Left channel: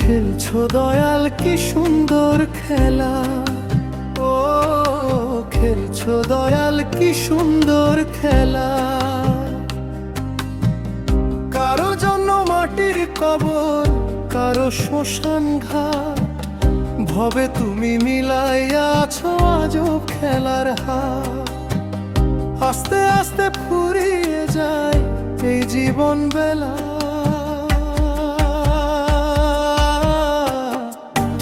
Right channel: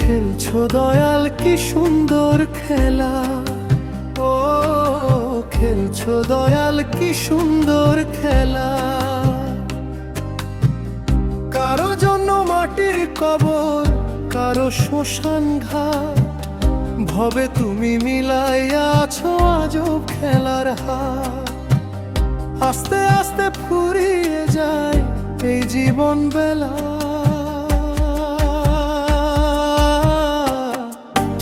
খেলছো দয়াল কি সুন্দর খেলা, ও খেলছো দয়াল কি সুন্দর খেলা। কারো জন্য মাটির কবর, কারো শ্মশান ঘাট, ভবে তুমি মিলাইয়া আছো আজব খেলার হাত। আস্তে আস্তে ফুরিয়ে যায় এই জীবন বেলা,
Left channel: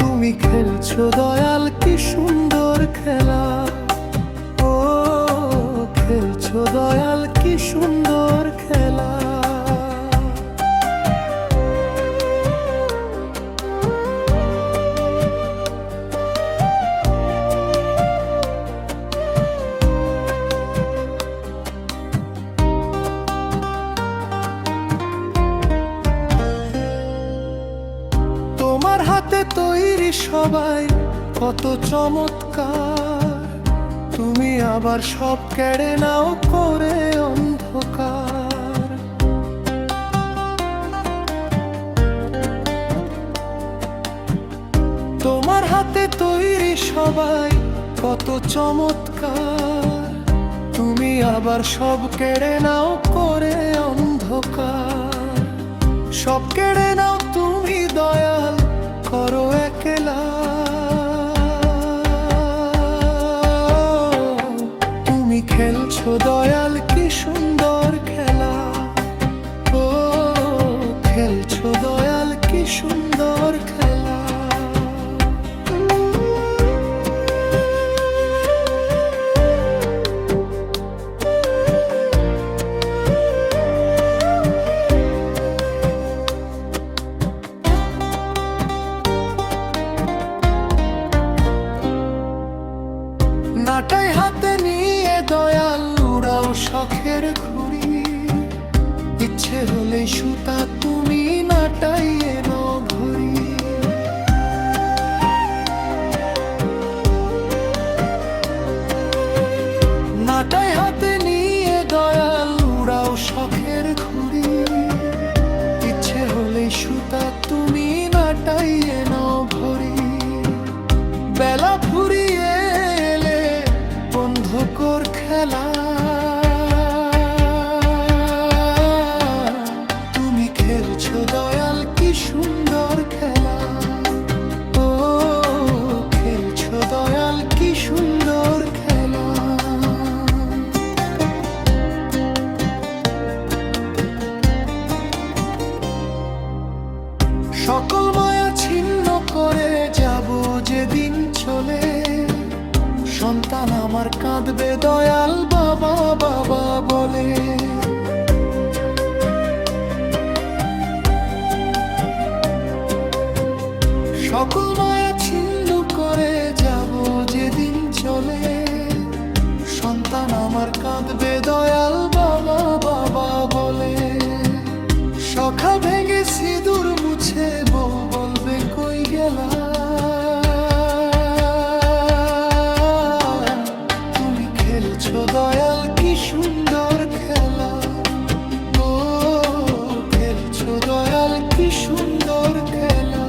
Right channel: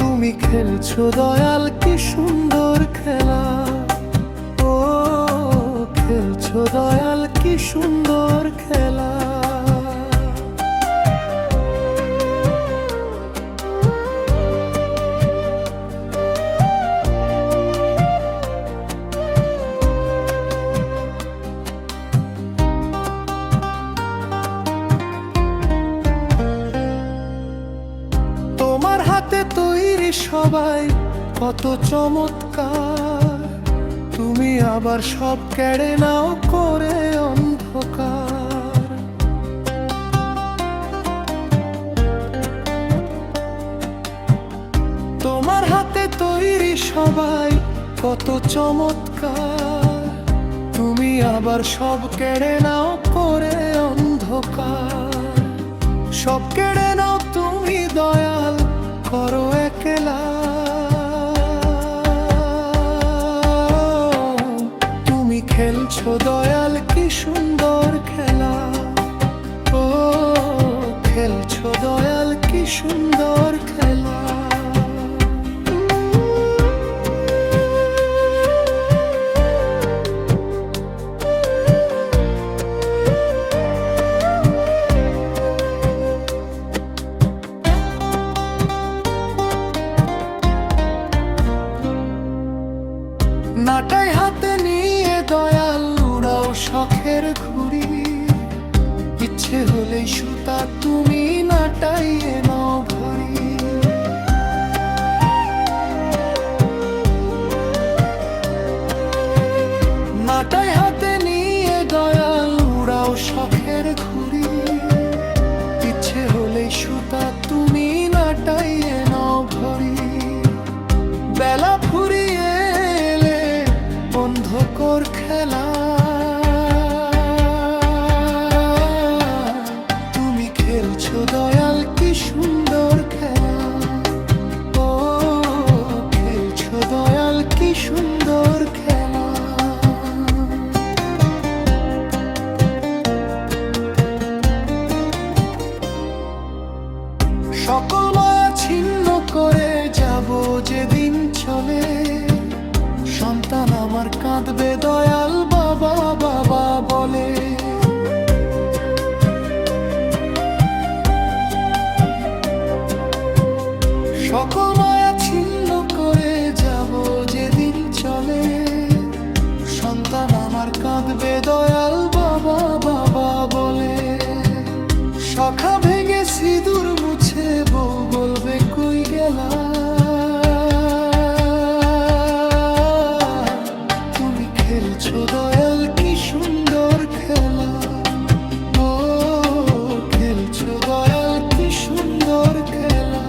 তুমি খেলছো দয়াল কি সুন্দর খেলা, ও খেলছো দয়াল কি সুন্দর খেলা। তোমার হাতে তৈরি সবাই কত চমৎকার, তুমি আবার সব কেড়ে নাও করে অন্ধকার। তোমার হাতে তৈরি সবাই কত চমৎকার, তুমি আবার সব কেড়ে নাও করে অন্ধকার। সব কেড়ে নাও তুমি দয়াল করো একলা, তুমি খেলছো দয়াল কি সুন্দর খেলা, ও খেলছো দয়াল কি সুন্দর খেলা। নাটাই হাতে নিয়ে দয়াল উড়াও শখের ঘুড়ি, ইচ্ছে হলেই সুতা তুমি নাটাইয়ে নাও ঘড়ি। নাটাই হাতে নিয়ে দয়াল উড়াও শখের ঘুড়ি, ইচ্ছে হলেই সুতা তুমি নাটাইয়ে নাও ঘড়ি। বেলা ফুরিয়ে এলে বন্ধ কর খেলা, তুমি খেলছো দয়াল কি সুন্দর খেলা, ও খেলছো দয়াল কি সুন্দর খেলা। সকল মায়া ছিন্ন করে যাব যেদিন চলে, সন্তান আমার কাঁদবে দয়াল বাবা বাবা বলে। সকল মায়া ছিন্ন করে যাব যেদিন চলে, সন্তান আমার কাঁদবে দয়াল বাবা বাবা বলে। সখা ভেঙে সিঁদুর মুছে বউ বলবে কই গেলা, তুমি খেলছো দয়াল কি সুন্দর খেলা, ও খেলছো দয়াল কি সুন্দর খেলা।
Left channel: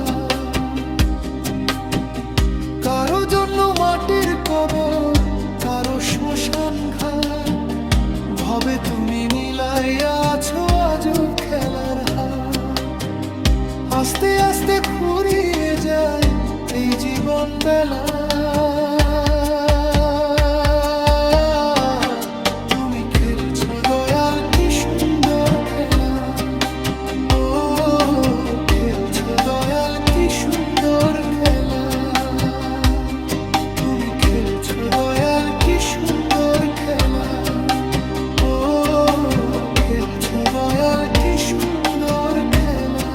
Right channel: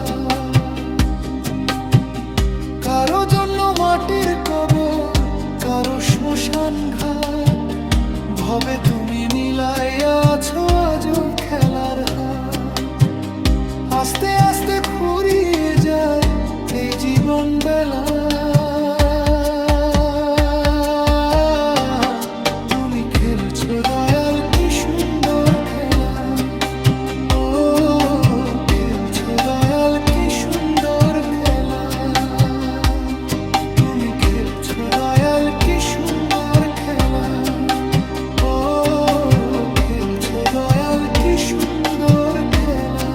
কারো জন্য মাটির কবর, কারো শ্মশান ঘাট, ভবে তুমি মিলাইয়া আছো আজব খেলার হাত। আস্তে আস্তে ফুরিয়ে যায় এই জীবন বেলা, তুমি খেলছো দয়াল কি সুন্দর খেলা, ও খেলছো দয়াল কি সুন্দর খেলা। তুমি খেলছো দয়াল কি সুন্দর খেলা, ও খেলছো দয়াল কি সুন্দর খেলা।